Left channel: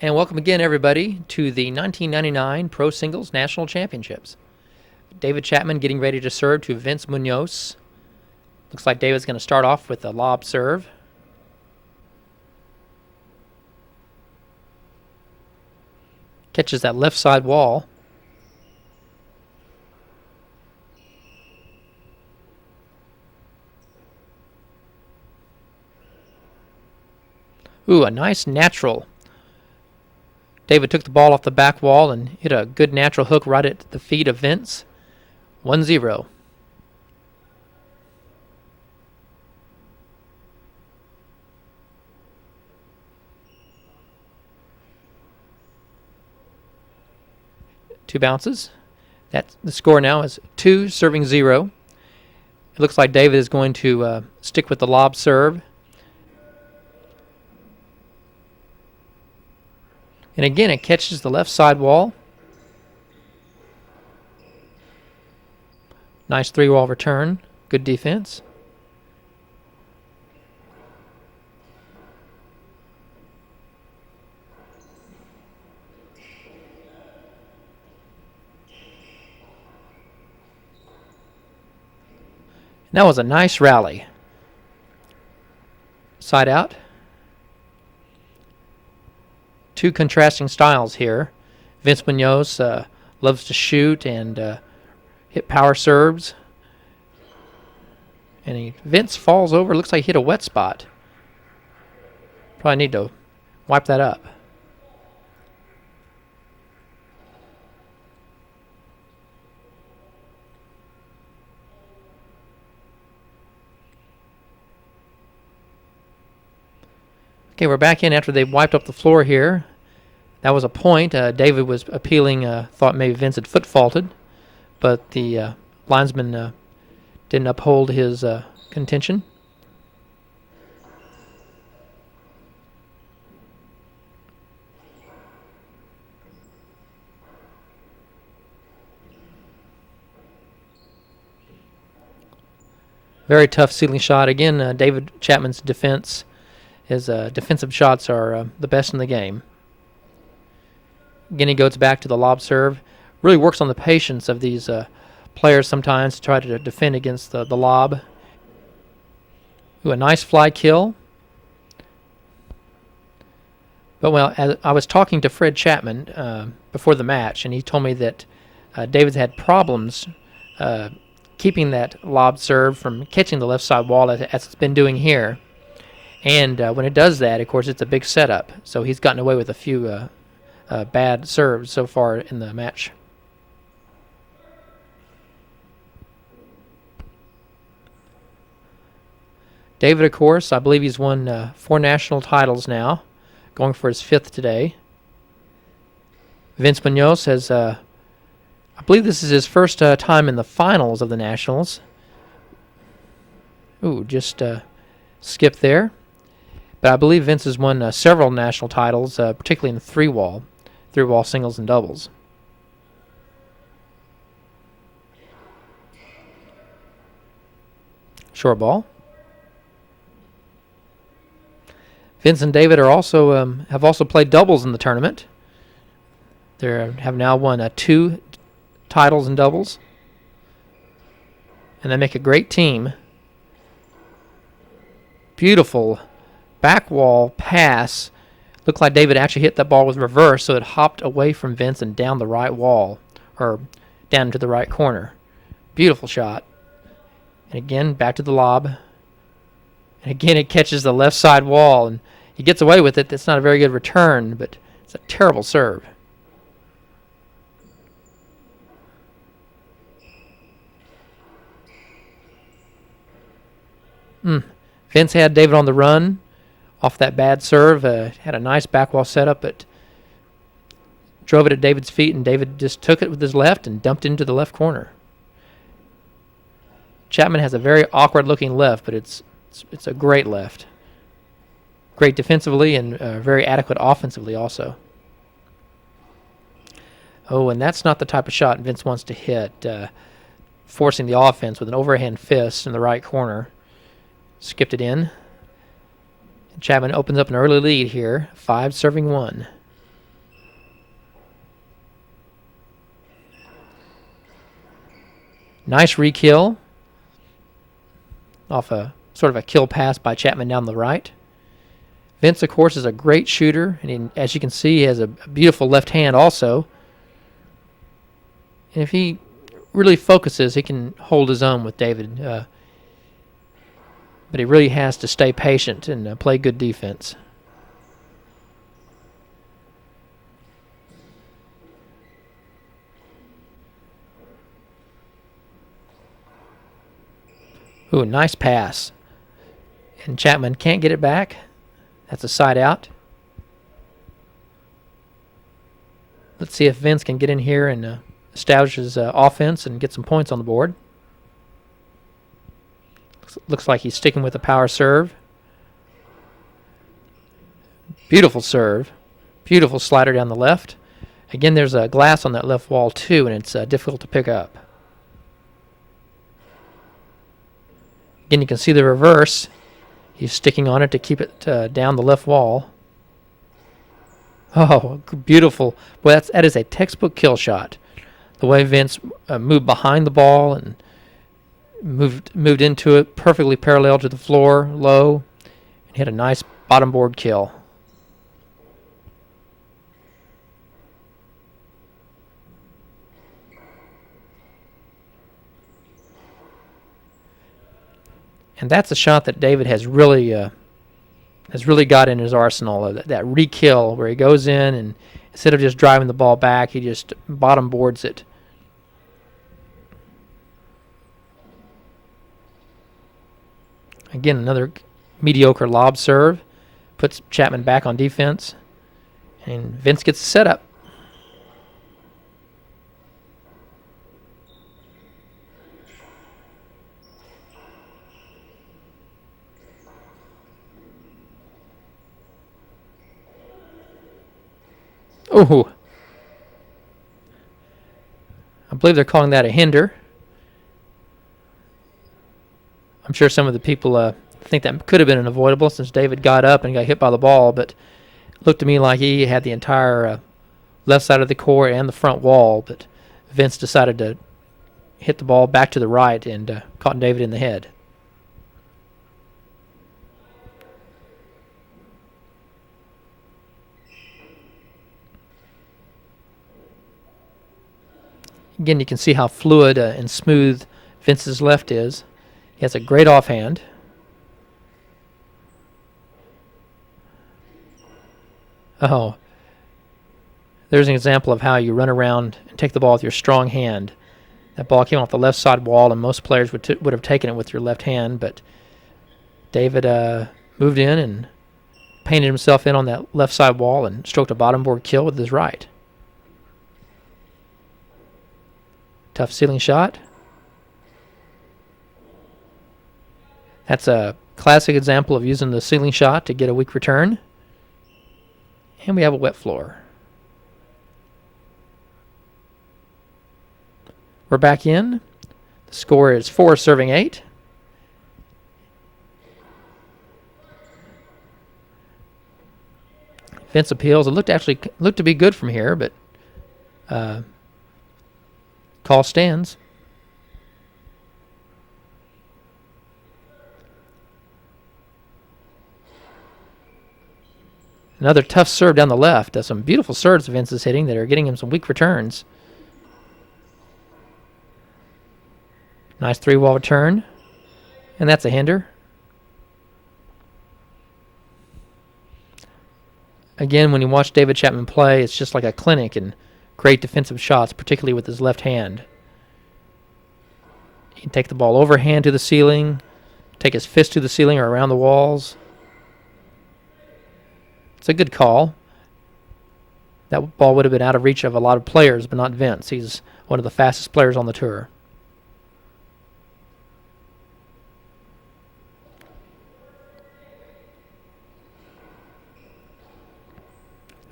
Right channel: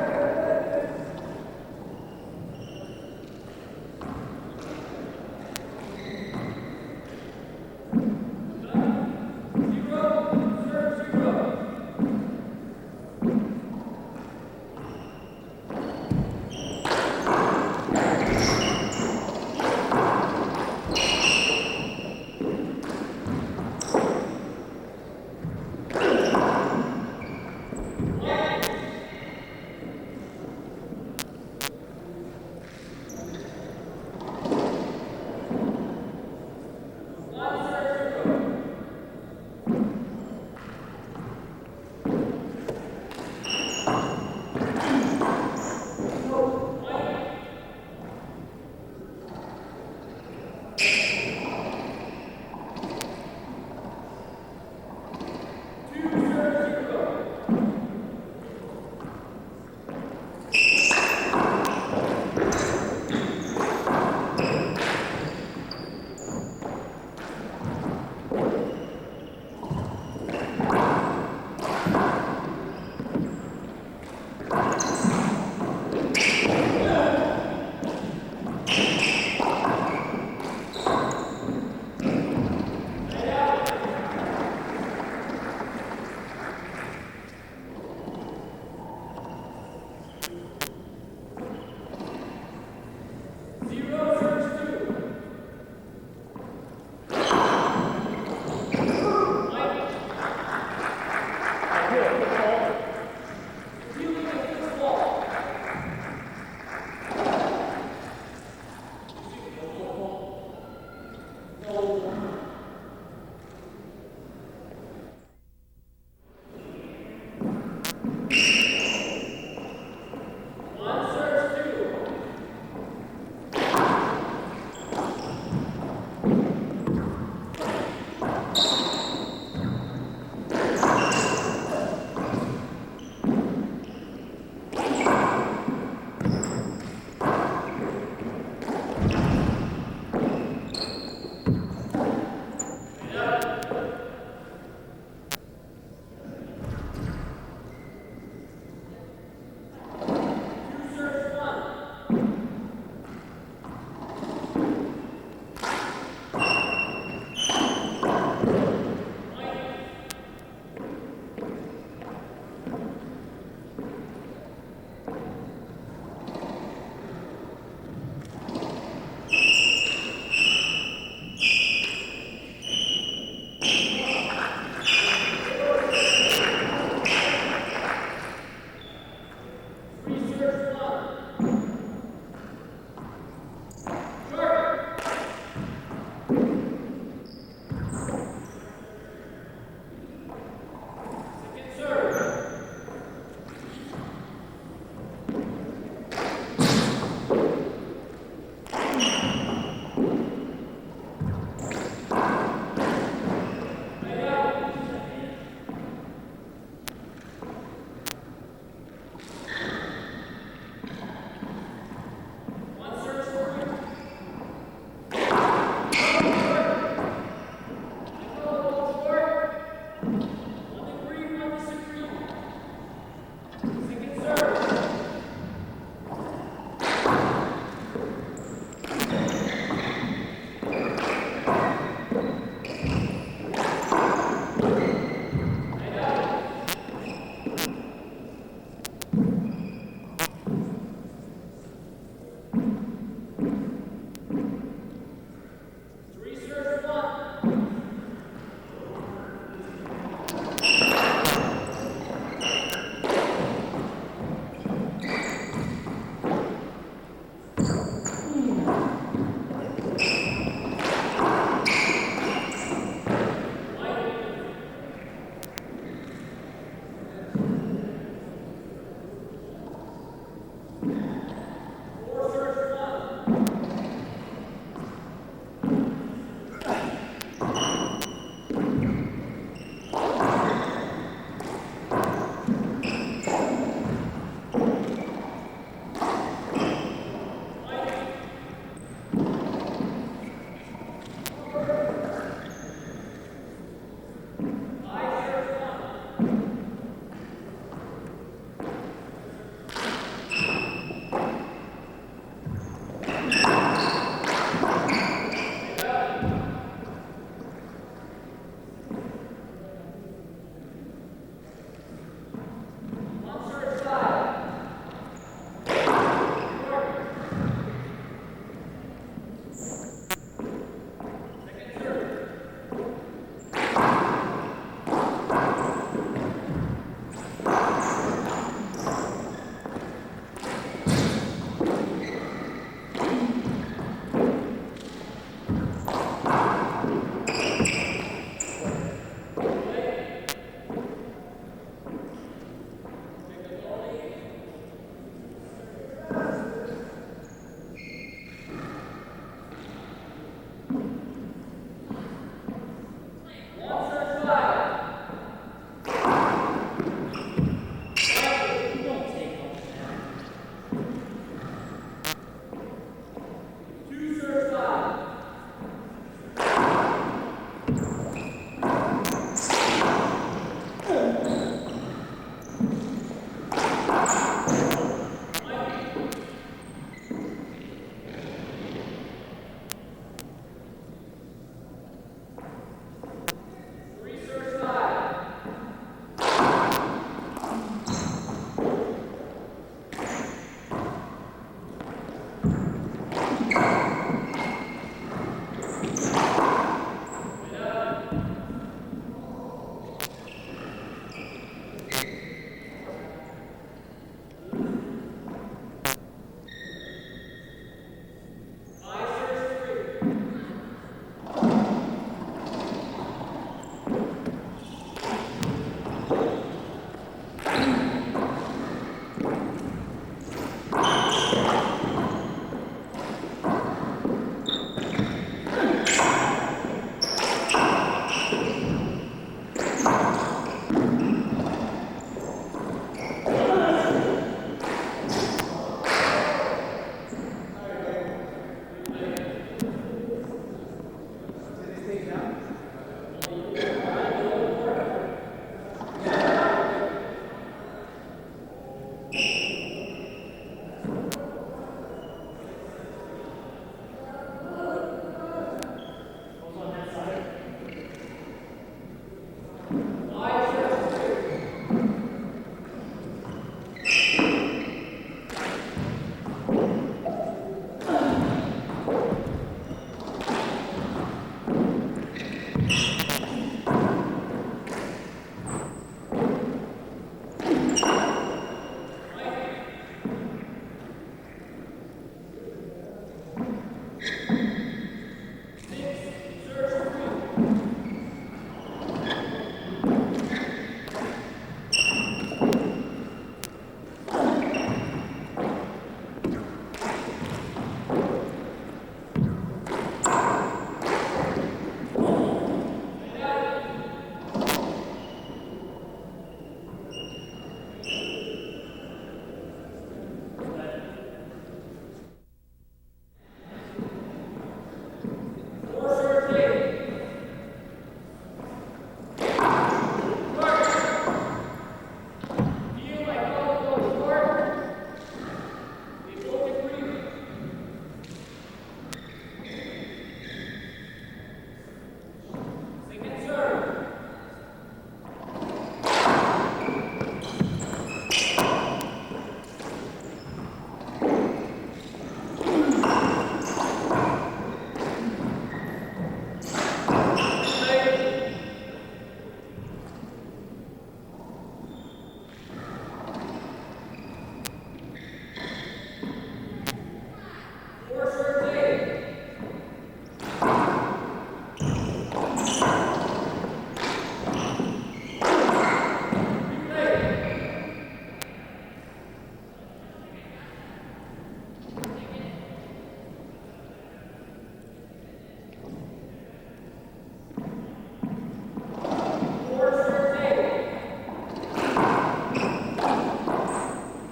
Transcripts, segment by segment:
And welcome again, everybody, to the 1999 Pro Singles National Championships. David Chapman getting ready to serve to Vince Munoz. Looks like David's going to start off with a lob serve. Catches that left side wall. Ooh, a nice natural. David took the ball off the back wall and hit a good natural hook right at the feet of Vince. 1-0. Two bounces. The score now is 2 serving 0. It looks like David is going to stick with the lob serve. And again, it catches the left side wall. Nice 3-wall return. Good defense. That was a nice rally. Side out. Two contrasting styles here. Vince Munoz loves to shoot and hit power serves. And Vince falls over. Looks like he hit a wet spot. Probably need to wipe that up. Okay, we're back in after they've wiped up the floor here. That was a point. David was appealing, thought maybe Vince had foot faulted, but the linesman didn't uphold his contention. Very tough ceiling shot. Again, David Chapman's defense. His defensive shots are the best in the game. Again, he goes back to the lob serve. Really works on the patience of these players sometimes to try to defend against the lob. Ooh, a nice fly kill. But, well, as I was talking to Fred Chapman before the match, and he told me that David's had problems keeping that lob serve from catching the left side wall as it's been doing here. And when it does that, of course, it's a big setup. So he's gotten away with a few bad serves so far in the match. David, of course, I believe he's won 4 national titles now, going for his 5th today. Vince Munoz has, I believe this is his first time in the finals of the Nationals. Ooh, just skipped there. But I believe Vince has won several national titles, particularly in three-wall singles and doubles. Short ball. Vince and David are also have also played doubles in the tournament. They have now won 2 titles in doubles, and they make a great team. Beautiful back wall pass. Looked like David actually hit that ball with reverse, so it hopped away from Vince and down the right wall, or down to the right corner. Beautiful shot. And again, back to the lob. And again, it catches the left side wall, and he gets away with it. It's not a very good return, but it's a terrible serve. Vince had David on the run off that bad serve. Had a nice back wall setup, but drove it at David's feet, and David just took it with his left and dumped into the left corner. Chapman has a very awkward-looking left, but it's a great left. Great defensively and very adequate offensively also. Oh, and that's not the type of shot Vince wants to hit, forcing the offense with an overhand fist in the right corner. Skipped it in. Chapman opens up an early lead here, 5 serving 1. Nice re-kill off a sort of a kill pass by Chapman down the right. Vince, of course, is a great shooter, and as you can see, he has a beautiful left hand also. And if he really focuses, he can hold his own with David. But he really has to stay patient and play good defense. Ooh, nice pass. And Chapman can't get it back. That's a side out. Let's see if Vince can get in here and establish his offense and get some points on the board. Looks like he's sticking with the power serve. Beautiful serve. Beautiful slider down the left. Again, there's a glass on that left wall too, and it's difficult to pick up. Again, you can see the reverse. He's sticking on it to keep it down the left wall. Oh, beautiful. Well, that is a textbook kill shot. The way Vince moved behind the ball and moved into it, perfectly parallel to the floor, low. He had a nice bottom board kill. And that's a shot that David has really got in his arsenal. That re-kill where he goes in and instead of just driving the ball back, he just bottom boards it. Again, another mediocre lob serve. Puts Chapman back on defense. And Vince gets the setup. Ooh. I believe they're calling that a hinder. I'm sure some of the people think that could have been an avoidable since David got up and got hit by the ball, but it looked to me like he had the entire left side of the court and the front wall, but Vince decided to hit the ball back to the right and caught David in the head. Again, you can see how fluid and smooth Vince's left is. He has a great offhand. Oh. There's an example of how you run around and take the ball with your strong hand. That ball came off the left side wall, and most players would have taken it with your left hand, but David moved in and painted himself in on that left side wall and stroked a bottom board kill with his right. Tough ceiling shot. That's a classic example of using the ceiling shot to get a weak return. And we have a wet floor. We're back in. The score is 4 serving 8. Vince appeals. It looked to be good from here, but call stands. Another tough serve down the left. There's some beautiful serves Vince is hitting that are getting him some weak returns. Nice 3-wall return. And that's a hinder. Again, when you watch David Chapman play, it's just like a clinic in great defensive shots, particularly with his left hand. He can take the ball overhand to the ceiling, take his fist to the ceiling or around the walls. It's a good call. That ball would have been out of reach of a lot of players, but not Vince. He's one of the fastest players on the tour.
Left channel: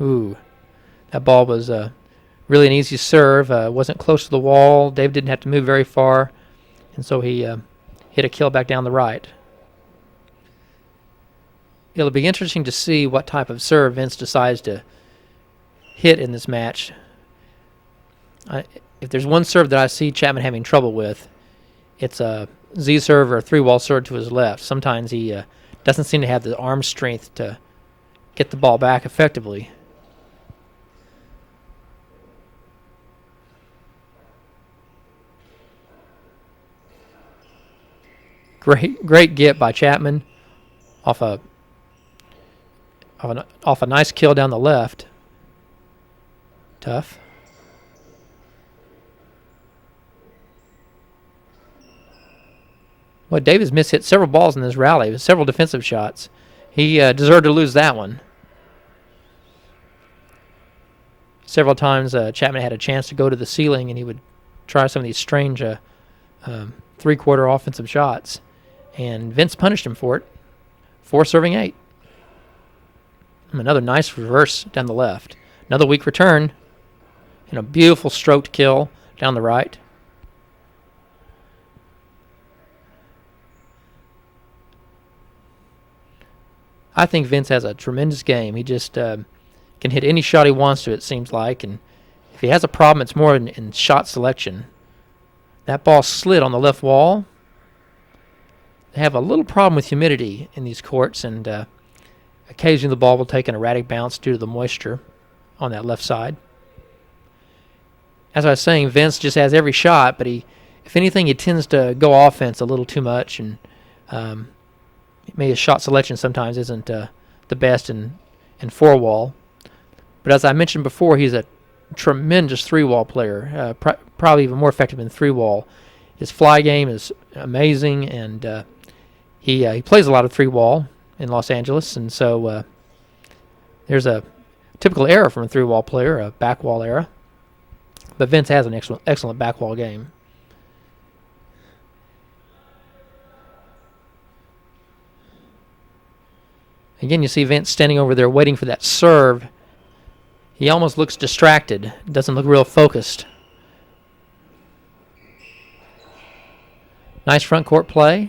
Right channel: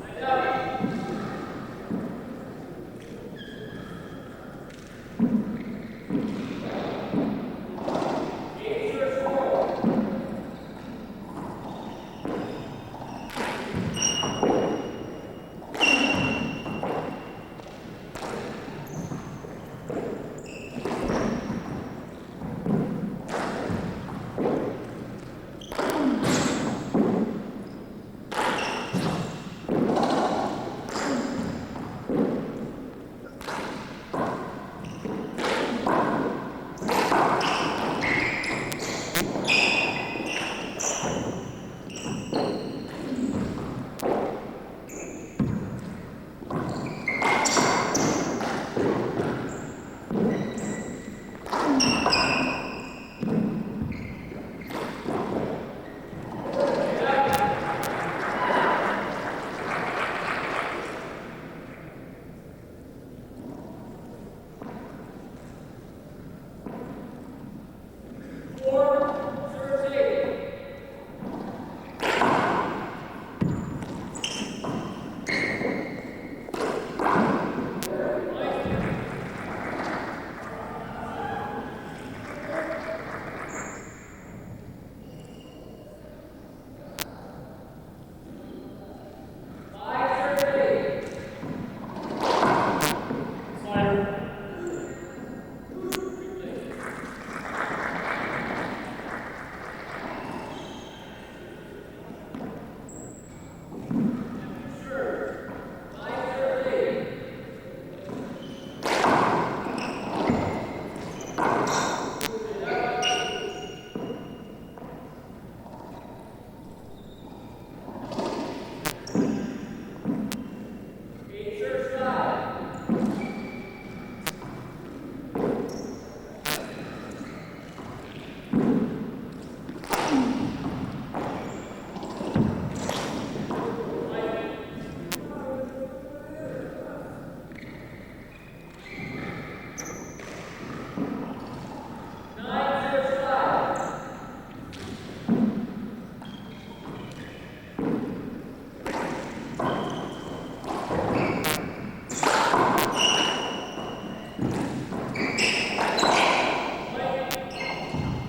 Ooh, that ball was really an easy serve. Wasn't close to the wall. Dave didn't have to move very far, and so he hit a kill back down the right. It'll be interesting to see what type of serve Vince decides to hit in this match. If there's one serve that I see Chapman having trouble with, it's a Z serve or a 3-wall serve to his left. Sometimes he doesn't seem to have the arm strength to get the ball back effectively. Great get by Chapman off a nice kill down the left. Tough. Well, Davis mishit several balls in this rally with several defensive shots. He deserved to lose that one. Several times Chapman had a chance to go to the ceiling and he would try some of these strange 3-quarter offensive shots. And Vince punished him for it. 4 serving 8. Another nice reverse down the left. Another weak return. And a beautiful stroked kill down the right. I think Vince has a tremendous game. He just can hit any shot he wants to, it seems like. And if he has a problem, it's more in shot selection. That ball slid on the left wall. I have a little problem with humidity in these courts, and occasionally the ball will take an erratic bounce due to the moisture on that left side. As I was saying, Vince just has every shot, but if anything, he tends to go offense a little too much, and maybe his shot selection sometimes isn't the best in 4-wall. But as I mentioned before, he's a tremendous 3-wall player, probably even more effective in 3-wall. His fly game is amazing, and he plays a lot of 3-wall in Los Angeles, and so there's a typical error from a 3-wall player, a back wall error. But Vince has an excellent back wall game. Again, you see Vince standing over there waiting for that serve. He almost looks distracted, doesn't look real focused. Nice front court play.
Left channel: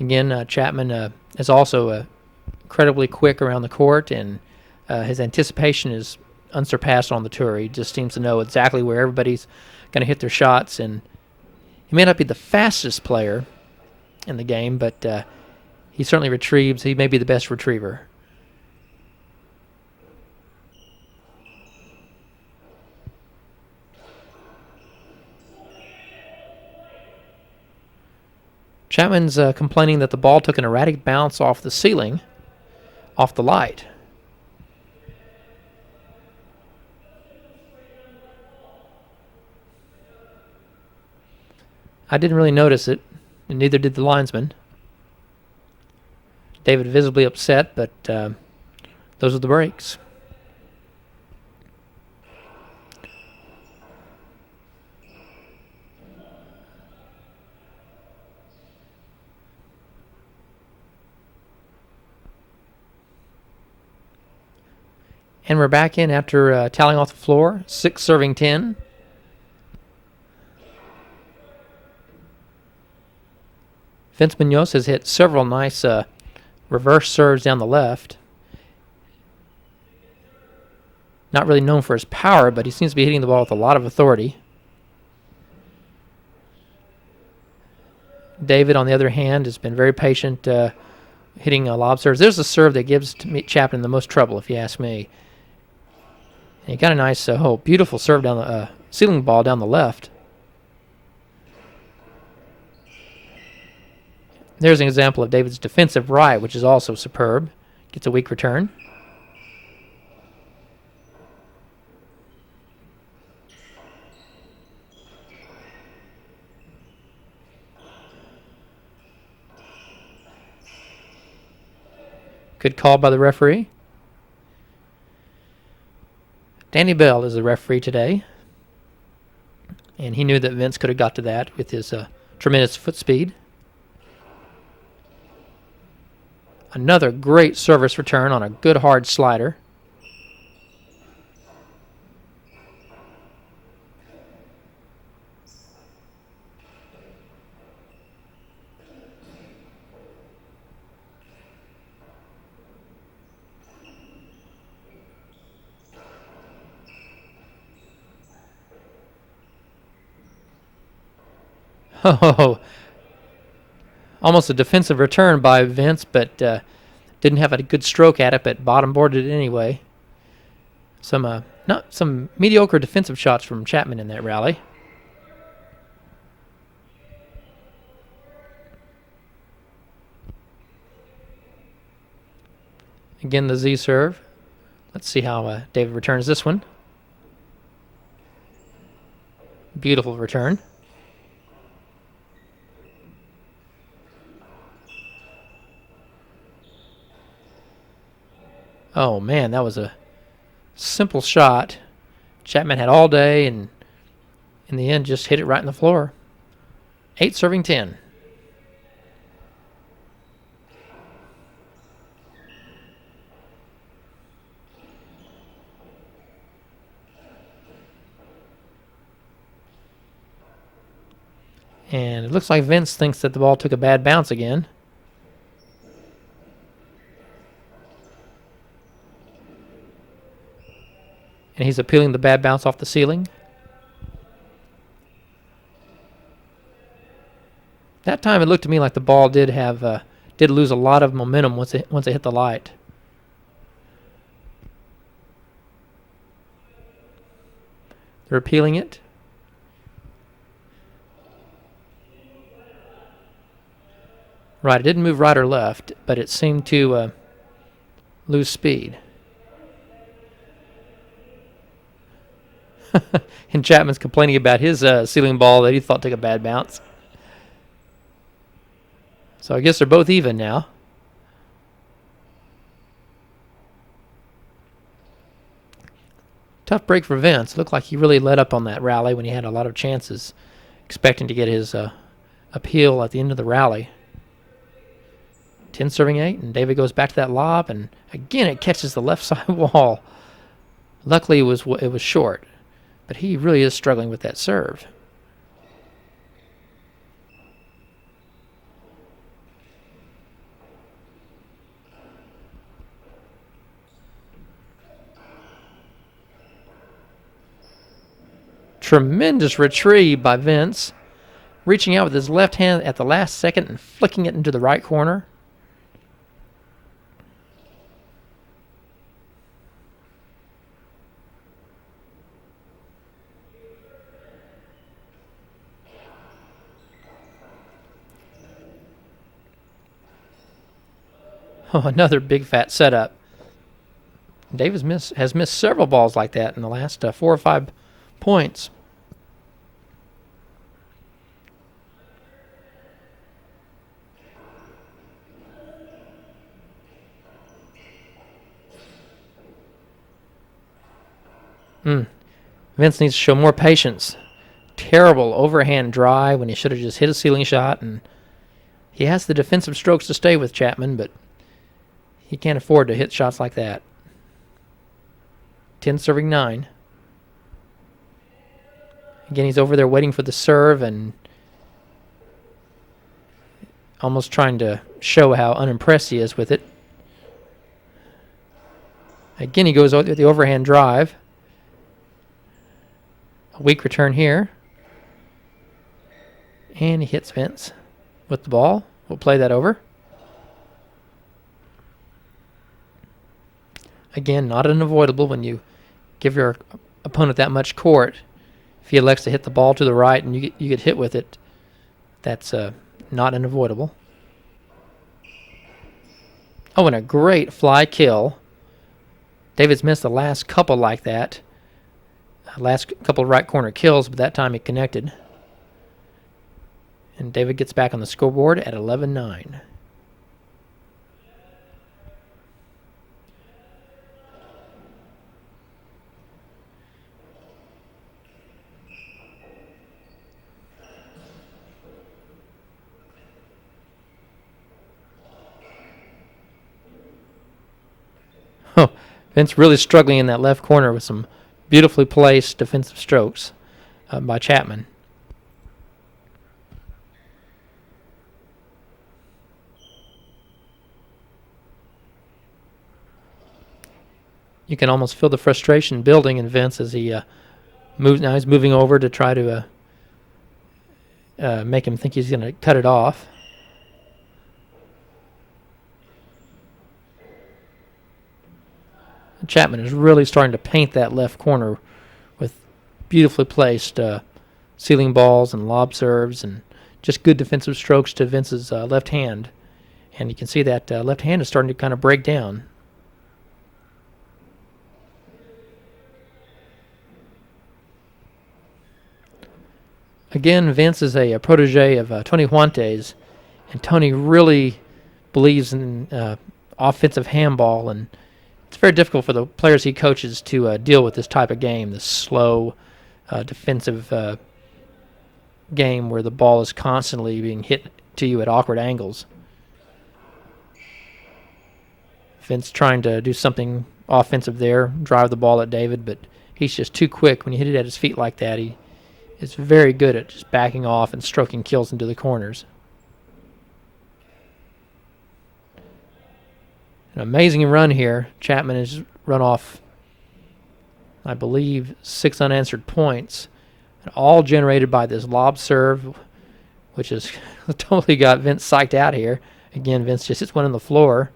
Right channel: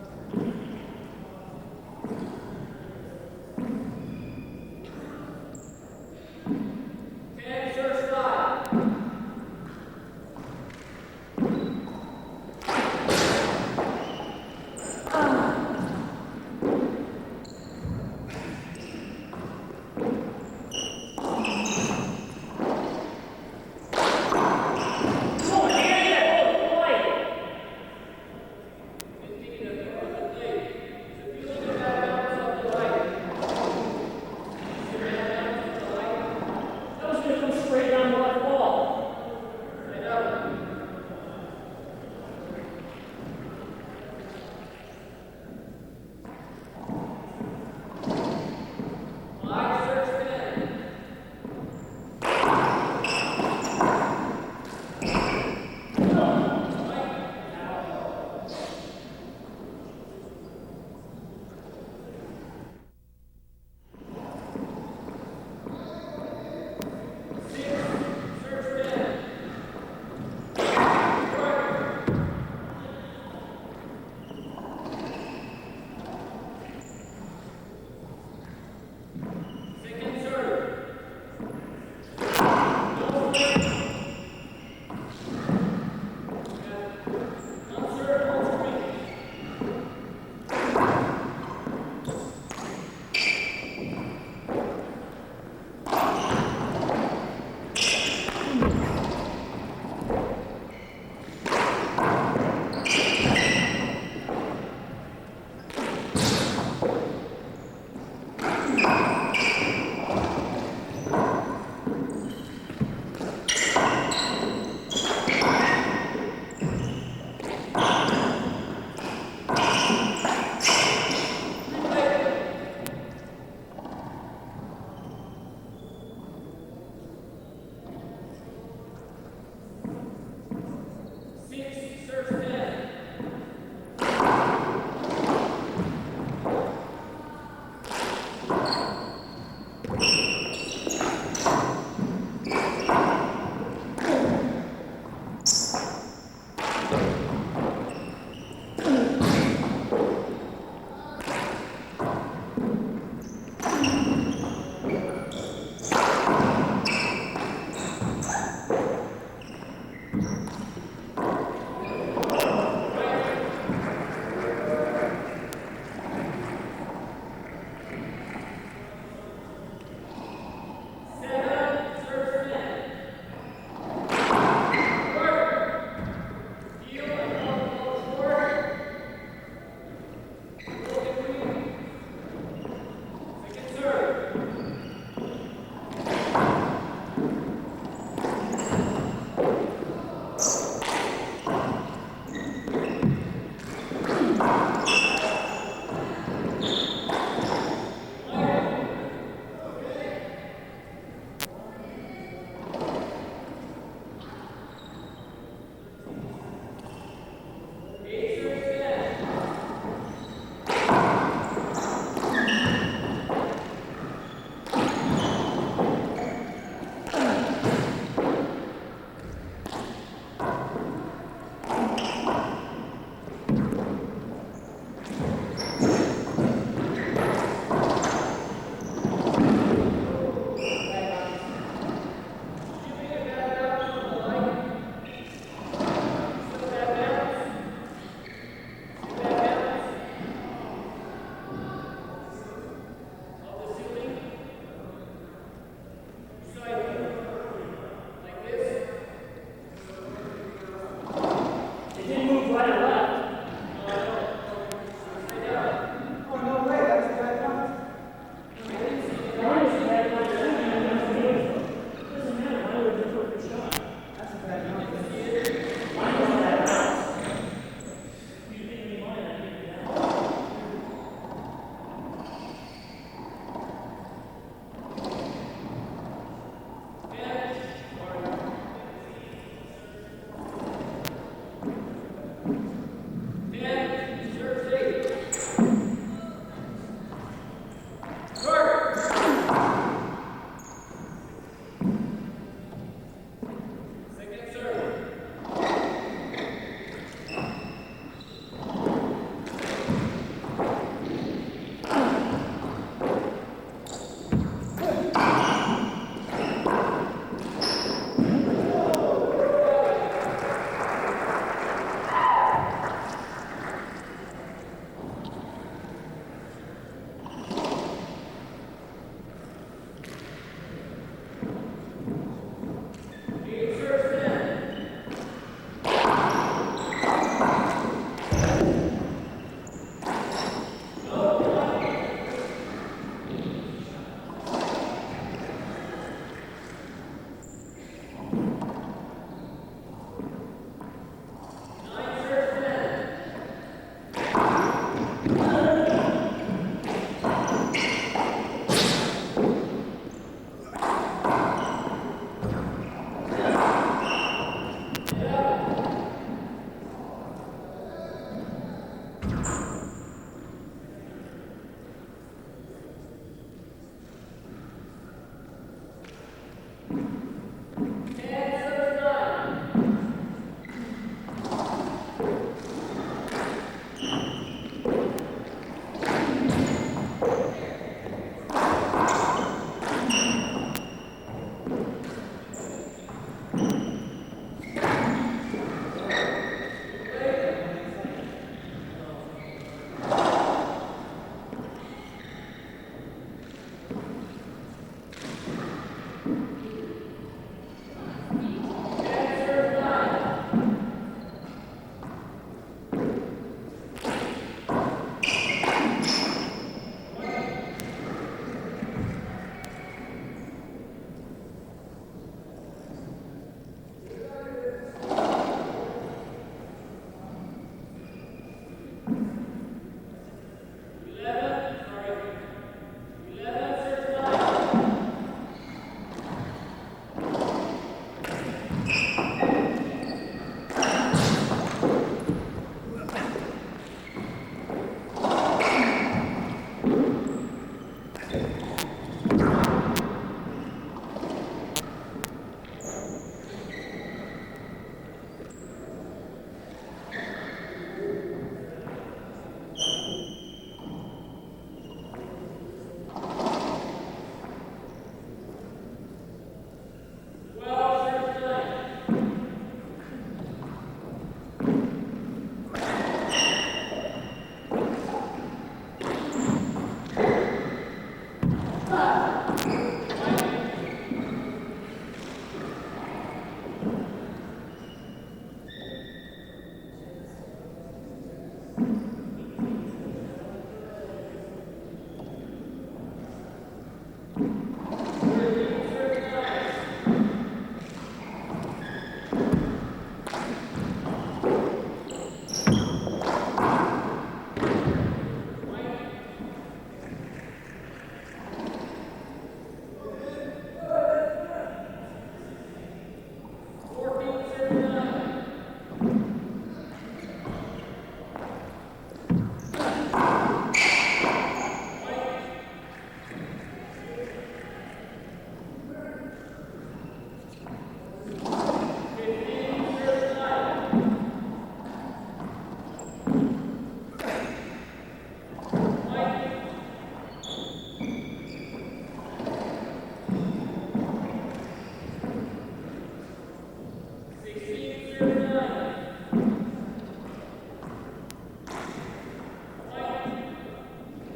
Again, Chapman is also incredibly quick around the court, and his anticipation is unsurpassed on the tour. He just seems to know exactly where everybody's going to hit their shots, and he may not be the fastest player in the game, but he certainly retrieves. He may be the best retriever. Chapman's complaining that the ball took an erratic bounce off the ceiling, off the light. I didn't really notice it, and neither did the linesman. David visibly upset, but those are the breaks. And we're back in after tallying off the floor, 6 serving 10. Vince Munoz has hit several nice reverse serves down the left. Not really known for his power, but he seems to be hitting the ball with a lot of authority. David, on the other hand, has been very patient hitting lob serves. There's a serve that gives Chapman the most trouble, if you ask me. He got a nice, beautiful serve down the ceiling ball down the left. There's an example of David's defensive right, which is also superb. Gets a weak return. Good call by the referee. Danny Bell is the referee today. And he knew that Vince could have got to that with his tremendous foot speed. Another great service return on a good hard slider. Oh, almost a defensive return by Vince, but didn't have a good stroke at it, but bottom boarded it anyway. Some mediocre defensive shots from Chapman in that rally. Again, the Z serve. Let's see how David returns this one. Beautiful return. Oh man, that was a simple shot. Chapman had all day, and in the end just hit it right in the floor. 8 serving 10. And it looks like Vince thinks that the ball took a bad bounce again. And he's appealing the bad bounce off the ceiling. That time it looked to me like the ball did lose a lot of momentum once it hit the light. They're appealing it. Right, it didn't move right or left, but it seemed to lose speed. And Chapman's complaining about his ceiling ball that he thought took a bad bounce. So I guess they're both even now. Tough break for Vince. Looked like he really let up on that rally when he had a lot of chances, expecting to get his appeal at the end of the rally. 10 serving 8, and David goes back to that lob, and again it catches the left side wall. Luckily it was short, but he really is struggling with that serve. Tremendous retrieve by Vince, reaching out with his left hand at the last second and flicking it into the right corner. Oh, another big fat setup. David has missed several balls like that in the last 4 or 5 points. Vince needs to show more patience. Terrible overhand drive when he should have just hit a ceiling shot, and he has the defensive strokes to stay with Chapman, but he can't afford to hit shots like that. 10 serving 9. Again, he's over there waiting for the serve and almost trying to show how unimpressed he is with it. Again, he goes with the overhand drive. Weak return here. And he hits Vince with the ball. We'll play that over. Again, not unavoidable when you give your opponent that much court. If he elects to hit the ball to the right and you get hit with it, that's not unavoidable. Oh, and a great fly kill. David's missed the last couple like that. Last couple right corner kills, but that time he connected. And David gets back on the scoreboard at 11-9. Oh, Vince really struggling in that left corner with some beautifully placed defensive strokes by Chapman. You can almost feel the frustration building in Vince as he moves. Now he's moving over to try to make him think he's going to cut it off. Chapman is really starting to paint that left corner with beautifully placed ceiling balls and lob serves and just good defensive strokes to Vince's left hand. And you can see that left hand is starting to kind of break down. Again, Vince is a protege of Tony Huante's. And Tony really believes in offensive handball, and it's very difficult for the players he coaches to deal with this type of game, this slow defensive game where the ball is constantly being hit to you at awkward angles. Vince trying to do something offensive there, drive the ball at David, but he's just too quick. When you hit it at his feet like that, he's very good at just backing off and stroking kills into the corners. An amazing run here. Chapman has run off, I believe, 6 unanswered points, all generated by this lob serve, which has totally got Vince psyched out here. Again, Vince just hits one on the floor.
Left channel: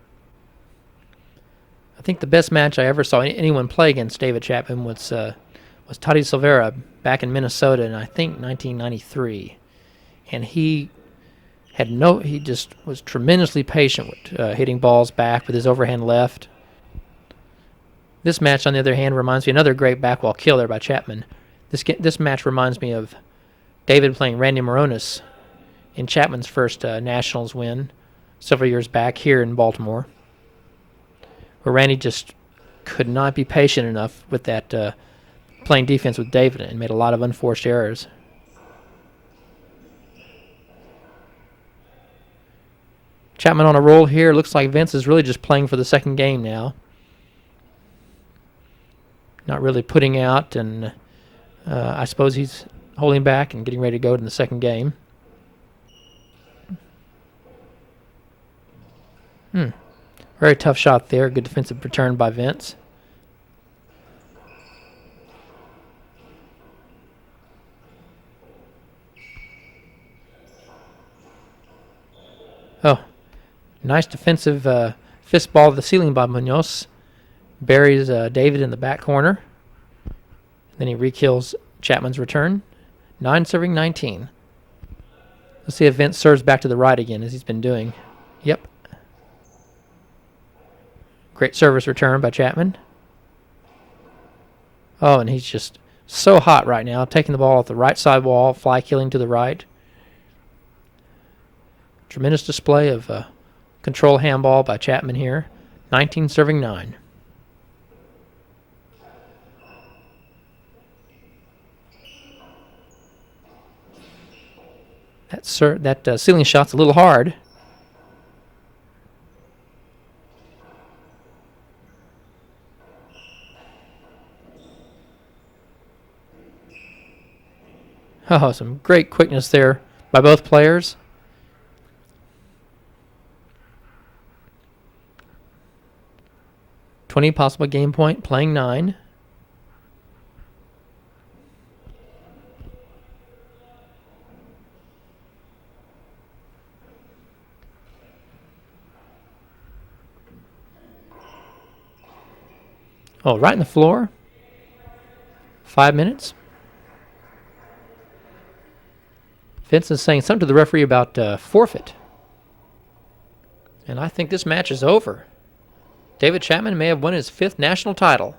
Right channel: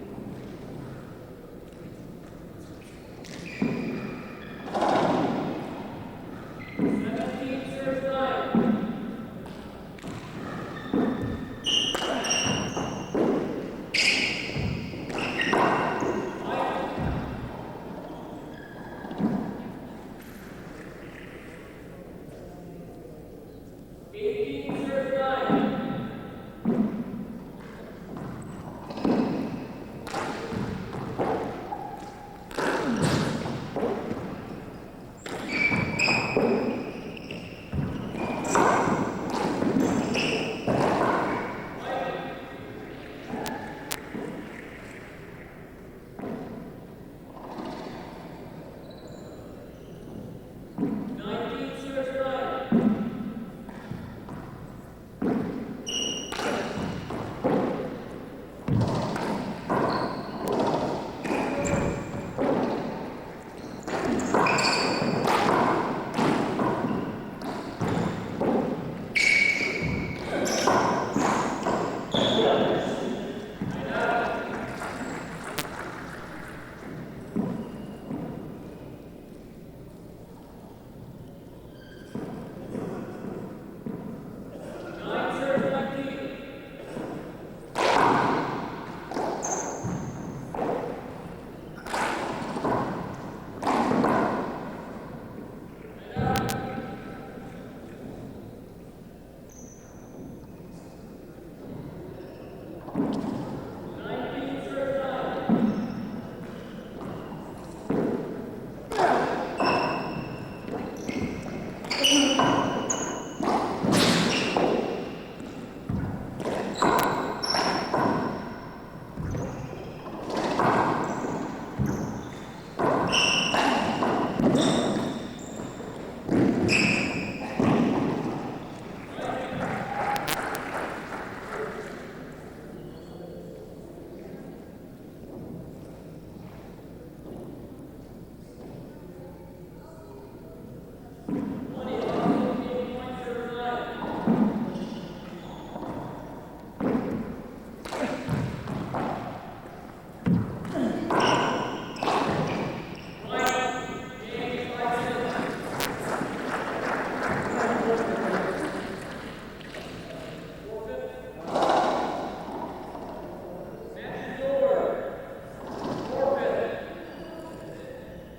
I think the best match I ever saw anyone play against David Chapman was Tati Silveira back in Minnesota in, I think, 1993. And he just was tremendously patient, hitting balls back with his overhand left. This match, on the other hand, reminds me of another great backwall kill there by Chapman. This match reminds me of David playing Randy Moronis in Chapman's first Nationals win several years back here in Baltimore, where Randy just could not be patient enough with that playing defense with David and made a lot of unforced errors. Chapman on a roll here. Looks like Vince is really just playing for the second game now. Not really putting out, and I suppose he's holding back and getting ready to go in the second game. Very tough shot there. Good defensive return by Vince. Oh, nice defensive fist ball to the ceiling by Munoz. Buries David in the back corner. Then he re-kills Chapman's return. 9 serving 19. Let's see if Vince serves back to the right again, as he's been doing. Yep. Great service return by Chapman. Oh, and he's just so hot right now, taking the ball off the right side wall, fly killing to the right. Tremendous display of control handball by Chapman here. 19 serving 9. That ceiling shot's a little hard. Oh, some great quickness there by both players. $20 possible game point, playing 9. Oh, right in the floor. 5 minutes. Vince is saying something to the referee about forfeit. And I think this match is over. David Chapman may have won his 5th national title.